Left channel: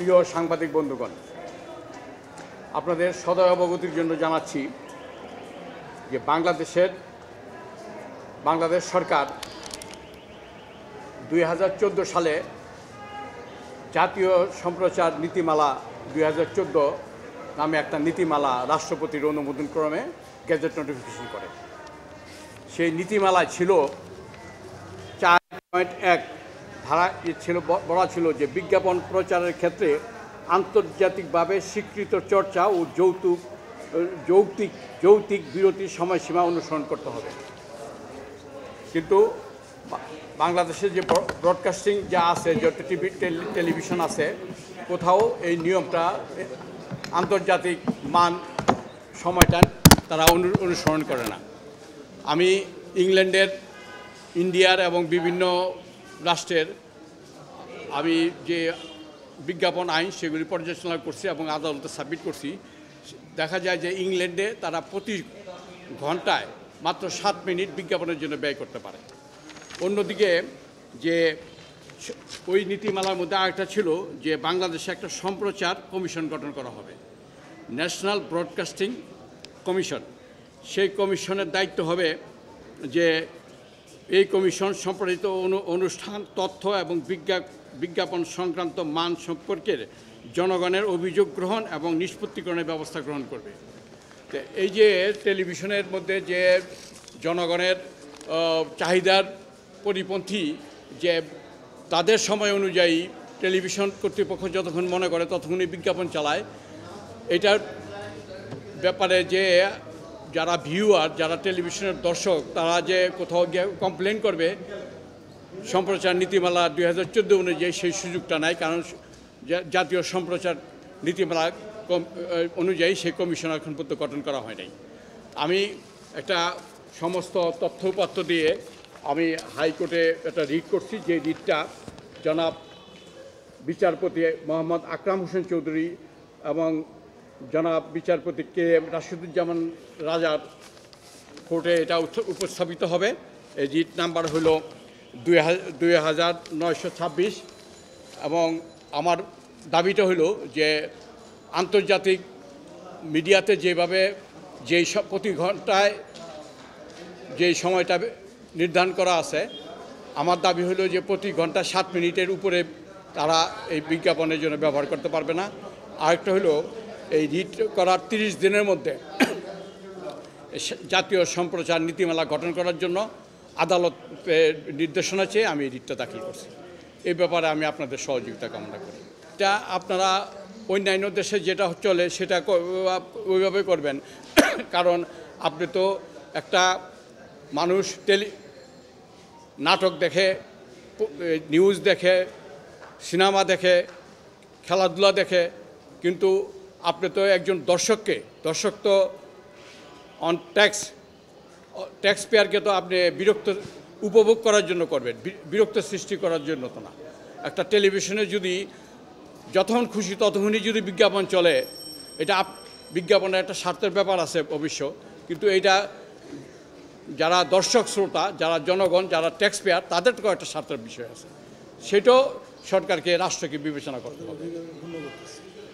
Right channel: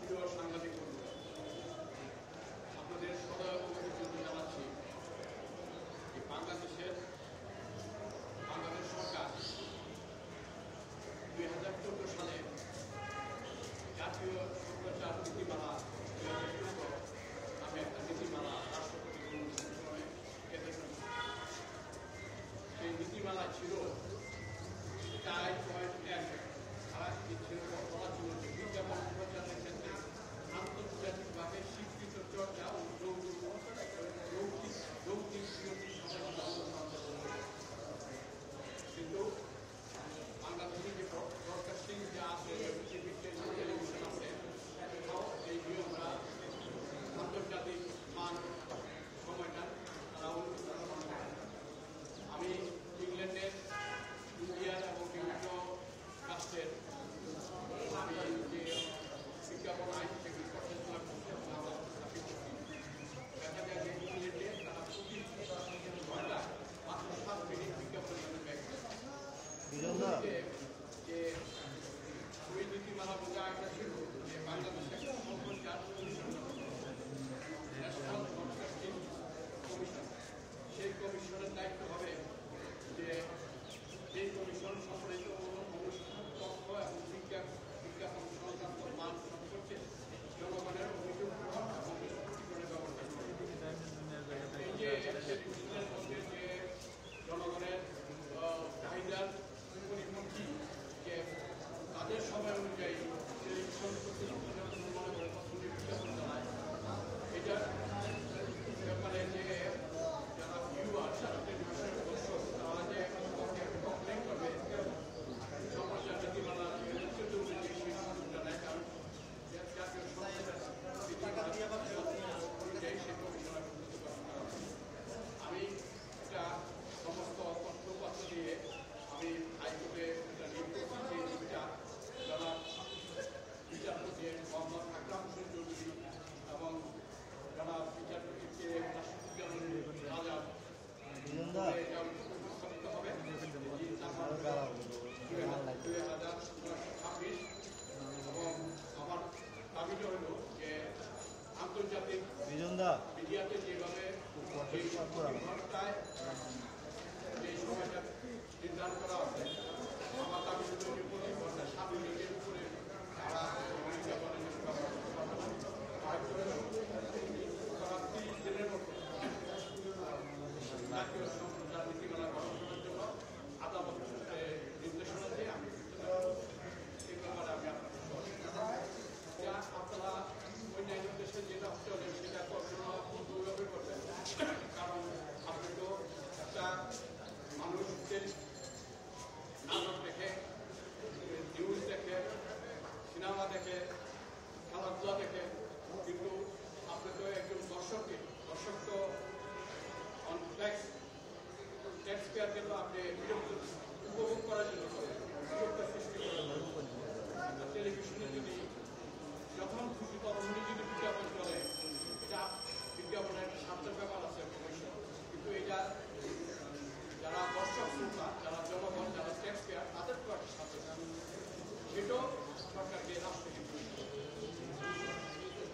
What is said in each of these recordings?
প্রিয় সাংবাদিক বন্ধুগণ, আপনাদের সদয় অবগতির জন্য জানাচ্ছি যে বাংলাদেশ সরকার 2014 সালে জাতীয় সম্প্রচার নীতিমালা 2014 নামে একটা নীতিমালা রাষ্ট্রপতির অনুমোদন ক্রমে গেজেট নোটিফিকেশন করে। সেই নীতিমালায় ছিল 4.1 ধারা ছিল, বলা ছিল যে বিজ্ঞাপন প্রচারের ক্ষেত্রে আন্তর্জাতিকভাবে স্বীকৃত চর্চা ও যৌক্তিক বিরতির সময়সীমা অনুসরণ করতে হবে। কিন্তু বাংলাদেশের যে ব্রডকাস্টিং যা আছে, যে টেলিভিশন আছে, কোথাও এই নিয়মটা আন্তর্জাতিক মান সময়টা তারা অনুসরণ করে না। আমি ইংল্যান্ডের, ইন্ডিয়ার এবং বিভিন্ন রাষ্ট্রের আমি যে বিজ্ঞাপন আইন সেগুলি পর্যালোচনা করছি এবং আদালতে সাবমিট করছি। দেখা যায় যে ইংল্যান্ডে তারা প্রতি ঘন্টায় মাত্র 7 মিনিট বিজ্ঞাপনের জন্য ব্যয় করতে পারে। অন্যদিকে যে ওই নীতিমালার মধ্যে আরেকটা ছিল যে বাংলাদেশে একটা সম্প্রচার কমিশন গঠন করা হবে, ন্যাশনাল ব্রডকাস্টিং কমিশন। সেই কমিশনের দায়িত্ব হবে যে এই কমিশন সম্প্রচারিত অনুষ্ঠান, তথ্য এবং বিজ্ঞাপন সংক্রান্ত মান সম্পর্কের জনগণের অভিযোগ গ্রহণ এবং নিষ্পত্তিকরণের ব্যবস্থা গ্রহণ করবে। তো এই যে টেলিভিশনের মধ্যে যে জনগণের চাহিদার পরিপন্থী, যে তাদের সময় অনুযায়ী টেলিভিশন কর্তৃপক্ষ যতক্ষণ মনে করে ততক্ষণই বিজ্ঞাপন চালায়, এটার ব্যাপারে যে যারা ভিউয়ার, যারা টেলিভিশনের দর্শক, তারা যে কোথাও গিয়ে কমপ্লেন করবে সম্প্রচার নীতিমালা 2014 অনুযায়ী সেই সুযোগটা নাই, কারণ জাতীয় সম্প্রচার নীতিমালা অনুযায়ী সেই কমিশন এখন পর্যন্ত গঠন করা হয় নাই। আমি একটা সমস্ত তথ্য উপাত্ত দিয়ে আমি হাইকোর্টে একটা রিট করছি, যে রিটটা জনাব বিচারপতি মোহাম্মদ আকরাম হোসেন চৌধুরী এবং জনাব বিচারপতি কে এম রাশিদুজ্জামান রাজার কোর্টে এটা উপস্থাপিত হবে। এই রিট নাম্বার হলো 2926 এবং আমার দাবিটা হলো যে আন্তর্জাতিক মিডিয়াতে যেভাবে প্রতি ঘন্টায় যেই সময়টা নির্ধারণ করা আছে, আমার দাবি হলো যে প্রতি ঘন্টা 7 মিনিটের উপরে তারা এই বিজ্ঞাপনের জন্য ব্যবহার করতে পারবে না। আরেকটা হলো এই রিট করার 30 দিনের মধ্যে জাতীয় সম্প্রচার নীতিমালা গঠন করার জন্য আদালতের নির্দেশনা চেয়ে আমি এই রিটটা দাখিল করছি। এই ব্যাপারে আমি আপনাদের সহযোগিতা কামনা করি। এটা আপনারা অন্যান্য দেশে যেটা চলে সেটা ওইভাবে করবেন, কারণ আপনি তো একটা মানুষ নাটক দেখে, নিউজ দেখে, সিনেমা দেখে, খেলাধুলা দেখে, কিন্তু আপনি তো একজন দর্শক তো অন ট্যাক্স পেয়ারকে তো আপনি উপভোগ করার জন্য করবেন, বিরক্ত সৃষ্টি করার জন্য তো না। একটা টেলিভিশনে যদি যতক্ষণ খুশি ততক্ষণই যদি বিজ্ঞাপন চলে, এটা বিজ্ঞাপনের একটা স্বার্থের ব্যাপার আছে অবশ্য, কিন্তু এইটা যারা দর্শক শ্রোতা, যারা জনগণ, যারা ট্যাক্স পেয়ার, তাদের তো একটা স্বার্থের বিষয় আছে, সেটাও সরকারকে, রাষ্ট্রকে বিবেচনা করতে হবে।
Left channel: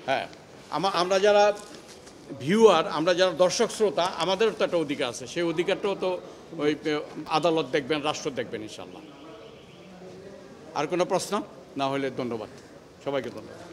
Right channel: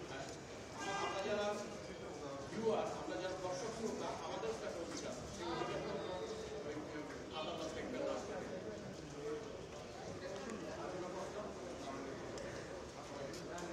হ্যাঁ, আমরা যারা ভিউয়ার, আমরা যারা দর্শক শ্রোতা, আমাদেরও তো একটা অধিকার আছে, সেই অধিকারটাও তো ওই আদালত দেখবেন, রাষ্ট্র দেখবেন ইনশাআল্লাহ। আর কোনো প্রশ্ন না হলে ধন্যবাদ, সবাইকে ধন্যবাদ।